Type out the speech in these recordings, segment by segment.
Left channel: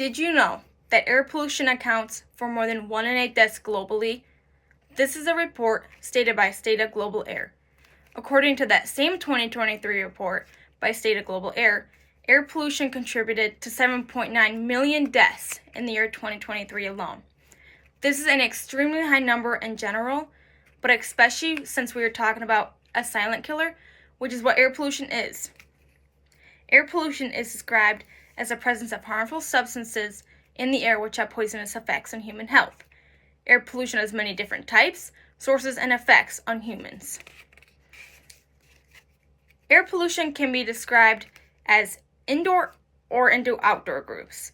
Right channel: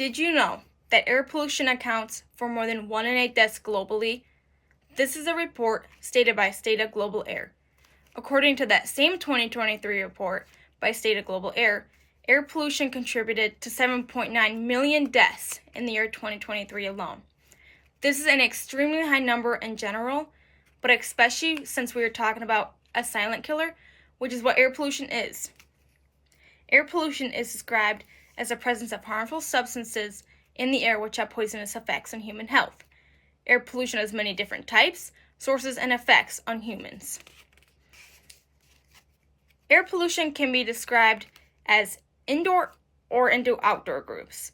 Did you know that air pollution accounts for more than 1 in 8 deaths globally? This is a report stated by State of Global Air. According to that same 2023 report by State of Global Air, air pollution contributed to 7.9 million deaths in the year 2023 alone. This is an extremely high number in general, but especially since we are talking about a silent killer, which is what air pollution is. Air pollution is described as the presence of harmful substances in the air which have poisonous effects on human health. Air pollution has many different types, sources, and effects on humans. Air pollution can be described as indoor or into outdoor groups.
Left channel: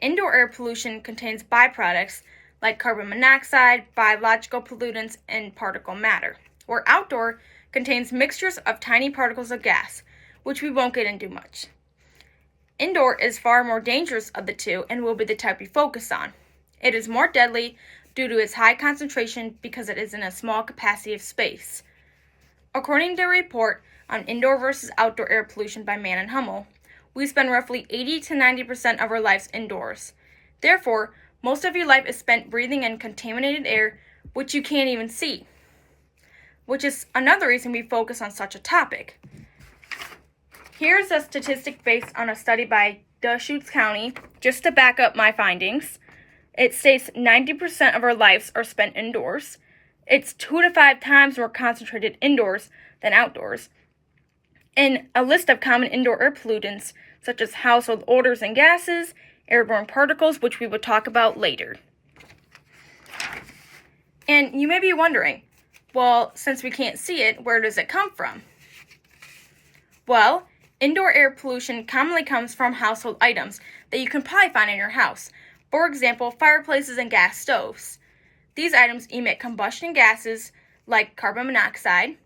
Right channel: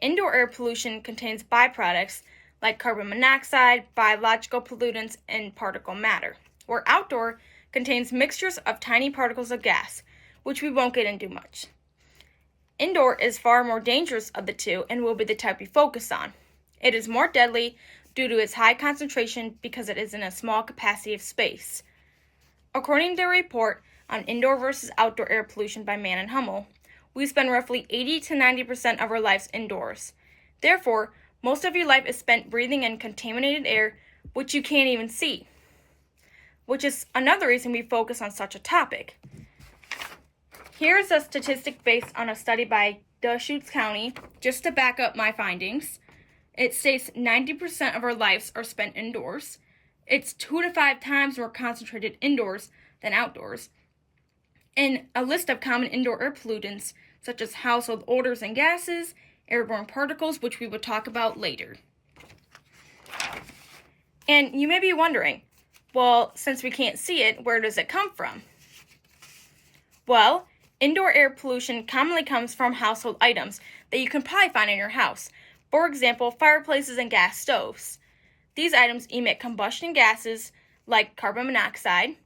Indoor air pollution contains byproducts like carbon monoxide, biological pollutants, and particle matter, where outdoor contains mixtures of tiny particles of gas, which we won't get into much. Indoor is far more dangerous of the two and will be the type we focus on. It is more deadly due to its high concentration because it is in a small capacity of space. According to a report on indoor versus outdoor air pollution by Mann and Hummel, we spend roughly 80 to 90% of our lives indoors. Therefore, most of your life is spent breathing in contaminated air, which you can't even see, which is another reason we focus on such a topic. Here's a statistic based on a study by Deschutes County, just to back up my findings. It states 90% of our lives are spent indoors. It's 2 to 5 times more concentrated indoors than outdoors. And a list of common indoor air pollutants, such as household odors and gases, airborne particles, which we will talk about later. And you may be wondering, well, since we can't see it, where does it come from? Well, indoor air pollution commonly comes from household items that you can probably find in your house. For example, fireplaces and gas stoves. These items emit combustion gases like carbon monoxide.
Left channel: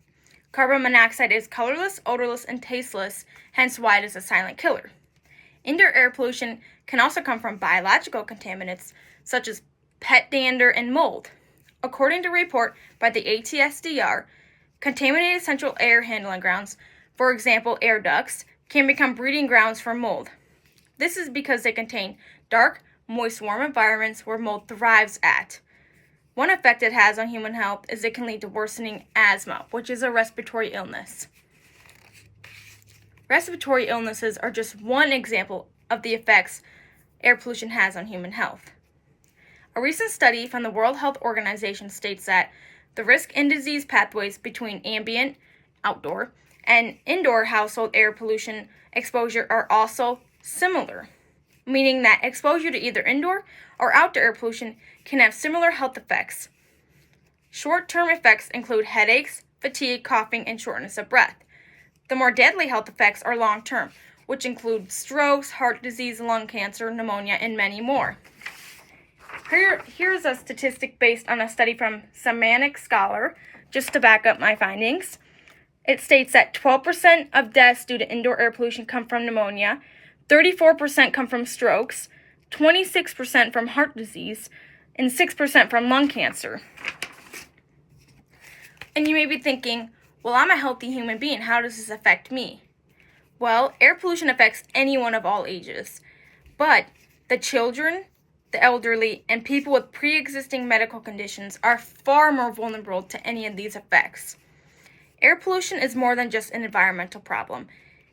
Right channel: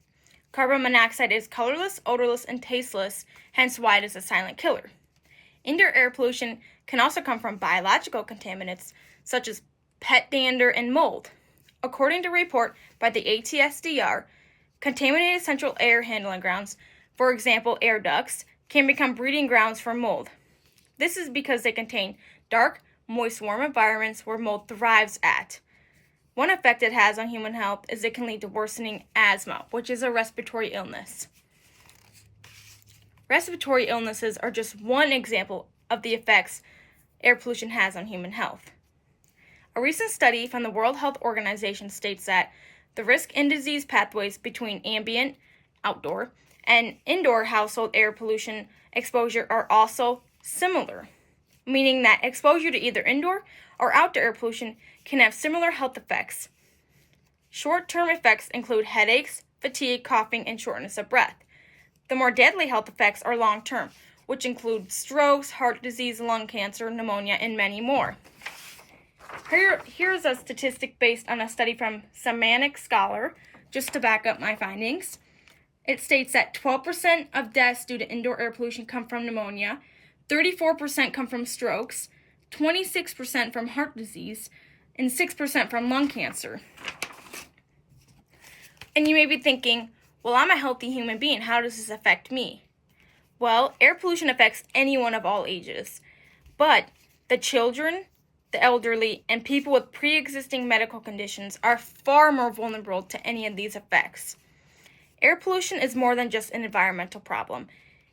Carbon monoxide is colorless, odorless, and tasteless, hence why it is a silent killer. Indoor air pollution can also come from biological contaminants such as pet dander and mold. According to a report by the ATSDR, contaminated central air handling grounds, for example, air ducts, can become breeding grounds for mold. This is because they contain dark, moist, warm environments where mold thrives at. One effect it has on human health is it can lead to worsening asthma, which is a respiratory illness. Respiratory illnesses are just one example of the effects air pollution has on human health. A recent study from the World Health Organization states that the risk and disease pathways between ambient, outdoor, and indoor household air pollution exposure are also similar, meaning that exposure to either indoor or outdoor air pollution can have similar health effects. Short-term effects include headaches, fatigue, coughing, and shortness of breath. The more deadly health effects are long-term, which include strokes, heart disease, lung cancer, pneumonia, and many more. Here's a statistic based on a study from Semantic Scholar, just to back up my findings. It states that 12% of deaths due to indoor air pollution come from pneumonia, 34% come from strokes, 26% from heart disease, and 6% from lung cancer. And you may be thinking, well, I'm a healthy human being. How does this affect me? Well, air pollution affects anyone of all ages, but the children, the elderly, and people with pre-existing medical conditions are far more vulnerable to any of these effects. Air pollution is more than just an environmental problem.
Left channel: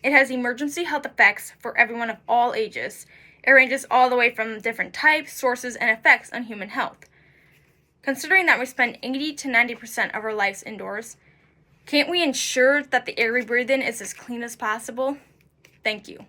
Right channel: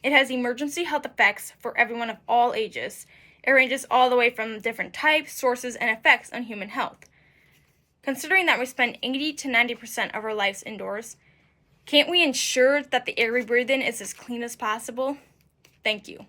It has emergency health effects for everyone of all ages. It ranges all the way from different types, sources, and effects on human health. Considering that we spend 80 to 90% of our lives indoors, can't we ensure that the air we breathe in is as clean as possible? Thank you.